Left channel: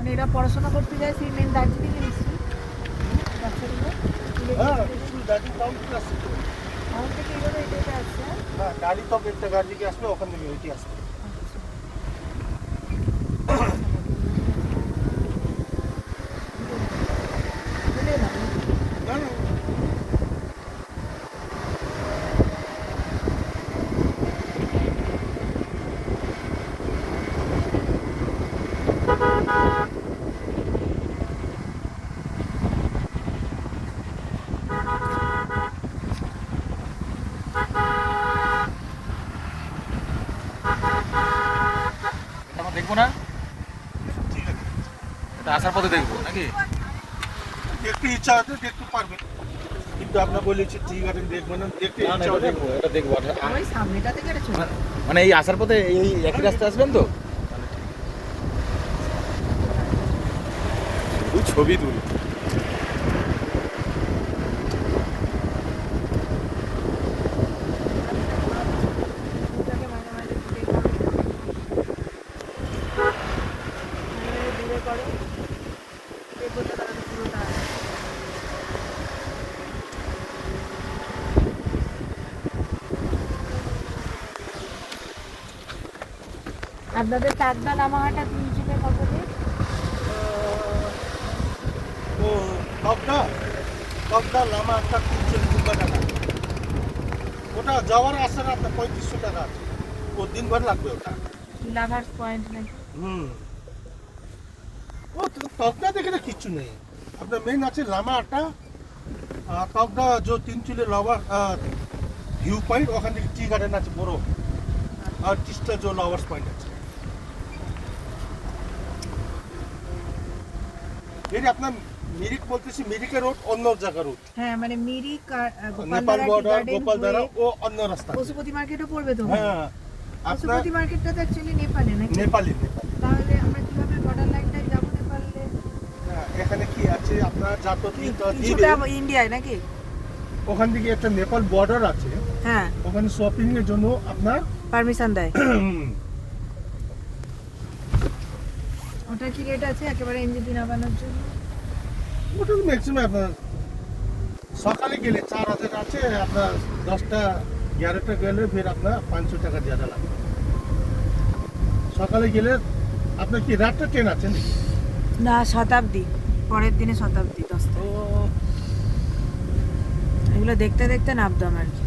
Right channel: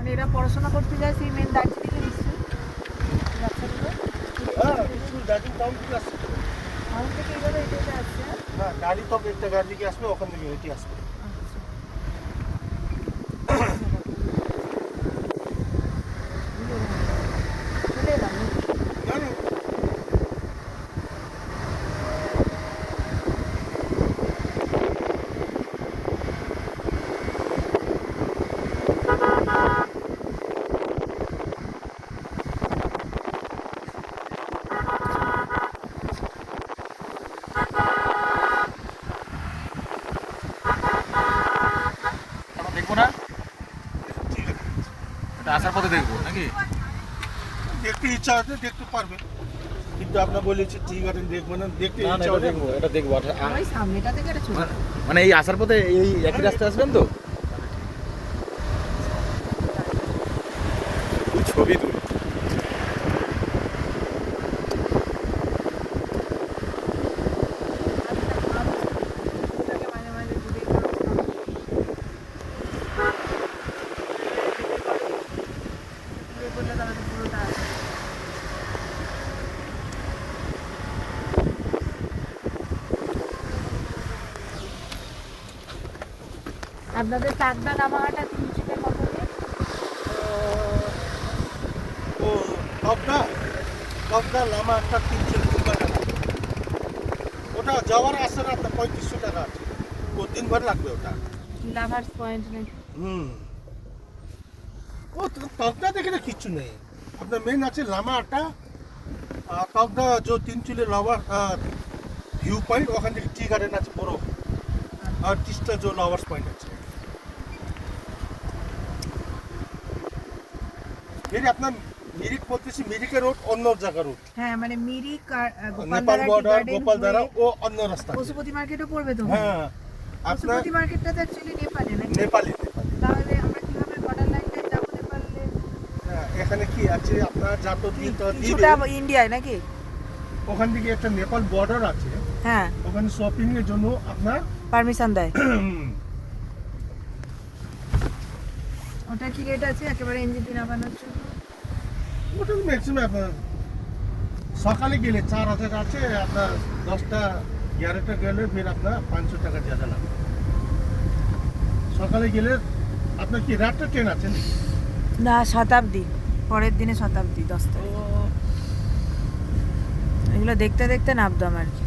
মানে এরা পড়াশোনা করতে যায় সেই মেন দার্জিলিং এর নিশ্চয়ই বাচ্চাগুলো হ্যাঁ দার্জিলিং টাউন থেকে আসছে। টাউন থেকে এইভাবে এটাতে আসছে না গাড়ি তো একটা গাড়ি থেকে আসবে, ওখান থেকে ওইটি আসবে। আচ্ছা চলে এলাম জানি আমরা দেখবো না, এটা আসার পথে দেখবো নাকি? দেখতে ইচ্ছা আছে দেখতে পারবেন, কিন্তু আপনার বলেছি টি গার্ডেন দেখবেন না, দেখতে না না, ইচ্ছা এটা হলে দেখবো, এটা দেখবো। ওই সামনেটা থেকে এটা চলে মানে এই আসার পথে এই একই রাস্তায় আসবেন তো? ওই ছবি তুল। ওটাকে মাঝে মাঝে ডিলে করো ডিলে করো ডিলে করলে তারা তো পুরোটা আসে আপনাদের চাকদা নামাহাটা তিন থেকে কত দিন তো তবদা লামা একটা 300 টাকা লাগে। ওটা যাওয়ার আসে না আপনার 3500 টাকা আছে, তো দিনভর লাগবে ওটা। লাভার্স পয়েন্ট নাকি ও তবদা দেখে না কিচ্ছু নেই, আপনার মেন আছে লামা আটা আর তবদা যে 3 চুলে লাভার ভিউ পয়েন্ট, ওখান থেকে টি গার্ডেন আছে বড়, আর টিস্টা যে লাভার্স পয়েন্ট আছে। এর আপনার মিরিক বলতেছি, মিরিকের রোড অন্য জায়গা রোড, হ্যাঁ মানে মিরিক নেপাল গোপালদারা টি বর্ডার গার্ডেন গোপালদারা ও অন্য রাস্তা। পশুপতি মার্কেটও পড়বে তো হ্যাঁ আপনার পশুপতি মার্কেটটা তো অ্যাকচুয়ালি নেপালে নাকি নেপালি তাহলে আমরা কিভাবে বর্ডার লাইনটা যাবো নেপালে এখানে কি আছে আপনার যাতো কিছুটা ইন্ডিয়ায় নাকি ওখান থেকে একটা নেপাল বর্ডার আছে, হ্যাঁ ওখানে শপিং এর জন্য আপনার পারমিশন দেয় ওটা কি রেট আছে একেবারে এনজিপি নামানোর জন্য ওটা ম্যাক্সিমাম আপনার সকালে গেলে 4000 আছে, আপনার 10টা 11টা গেলে ফের আপনার 500 টাকা জায়গা লাগে। সকালে গেলে আপনার কি রাতটা ট্রেন আছে নাকি? না শতাব্দী পরের দিনে শতাব্দী 10 তো তারিখ এগুলো দেখতে দেখতে নামতাম আর কি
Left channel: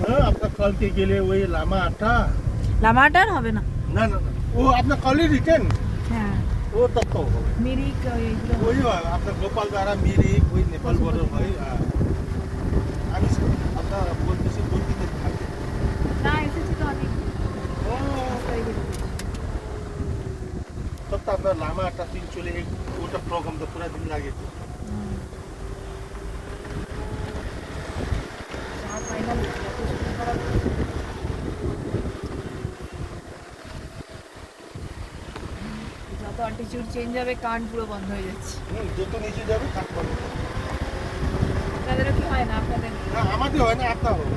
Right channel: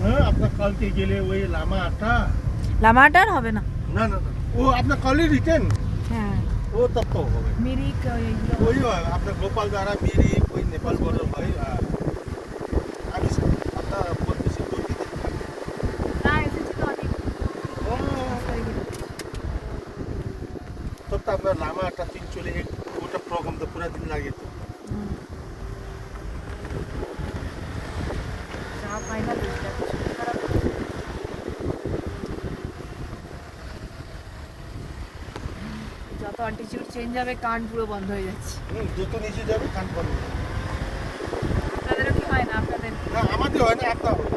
হ্যাঁ আপনার কালকে গেলে ওই লামা আটা লামাটা আর হবে না না না না ও আপনার কালই রিটার্ন হ্যাঁ ও তত হবে মিরিক ওইগুলো ওই আপনার গোপাল দ্বারা মিরিক ওই নেপাল বড় ওই আমি আপনার বলতেছি 2 দিন থাকবে। না এসেছি তো অনেক तब तो अपना लामा आटा 3 चले एक गोटा प्रोग्राम तो पूरा दिन लगे। ফাইনাল যত অ্যাটিটিউড চেঞ্জ হবে কান পুরো বন্ধ হয়ে যাচ্ছে যত নিচে যাবে কাট বন্ধ। আপনাদেরও কি হয় না আপনাদের আমাদের হয় না, একটা হয়।